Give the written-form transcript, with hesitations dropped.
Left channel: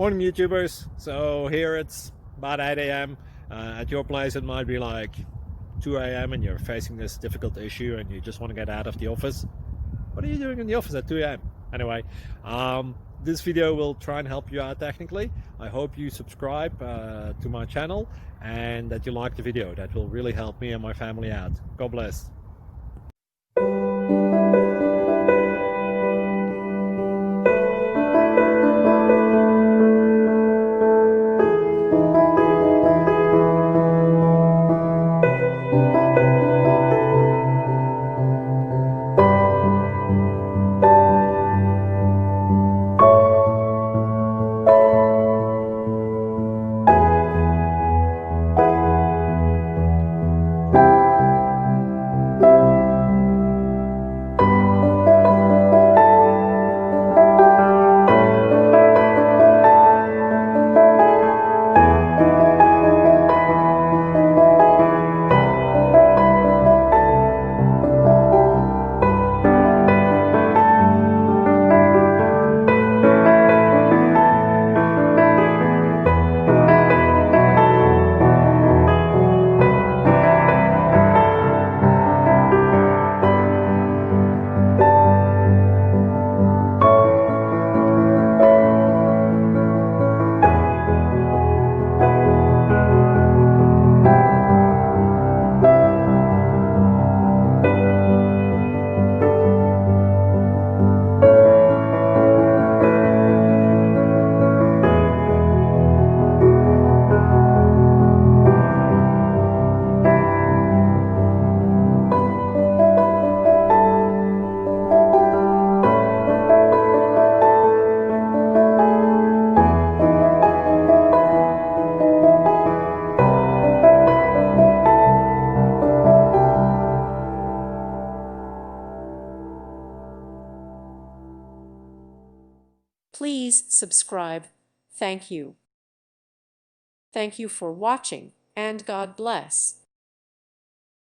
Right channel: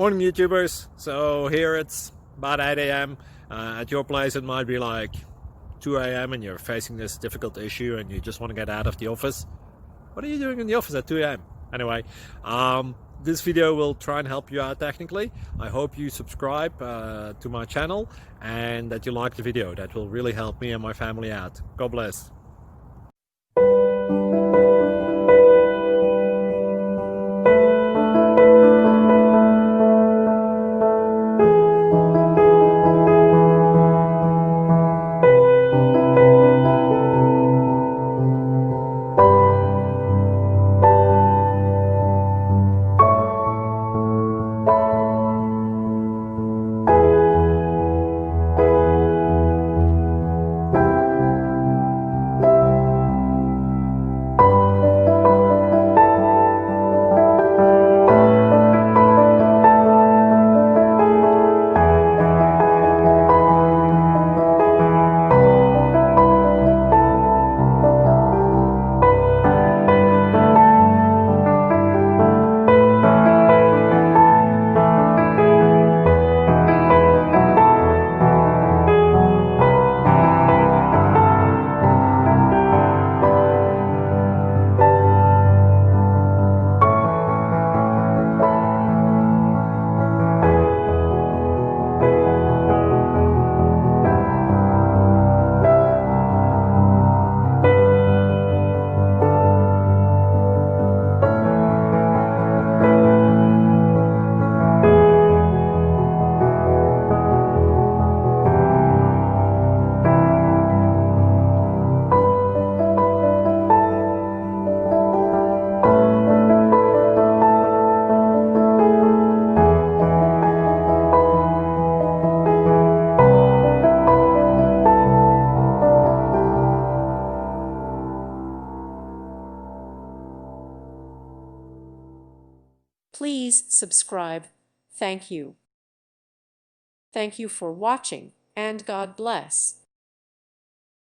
Morning, YouTubers. So here it's about 8 a.m. At your place, it might be like 2 a.m. and you're facing this difficult issue and you just want to get out of the office. What are you doing in the office at 2 a.m.? Anyway, this video will try and help you out technically. I hope you subscribe to my channel and that you like the video. That will really help me and my family out. God bless. Please subscribe. Thank you. Thank you for watching, and God bless.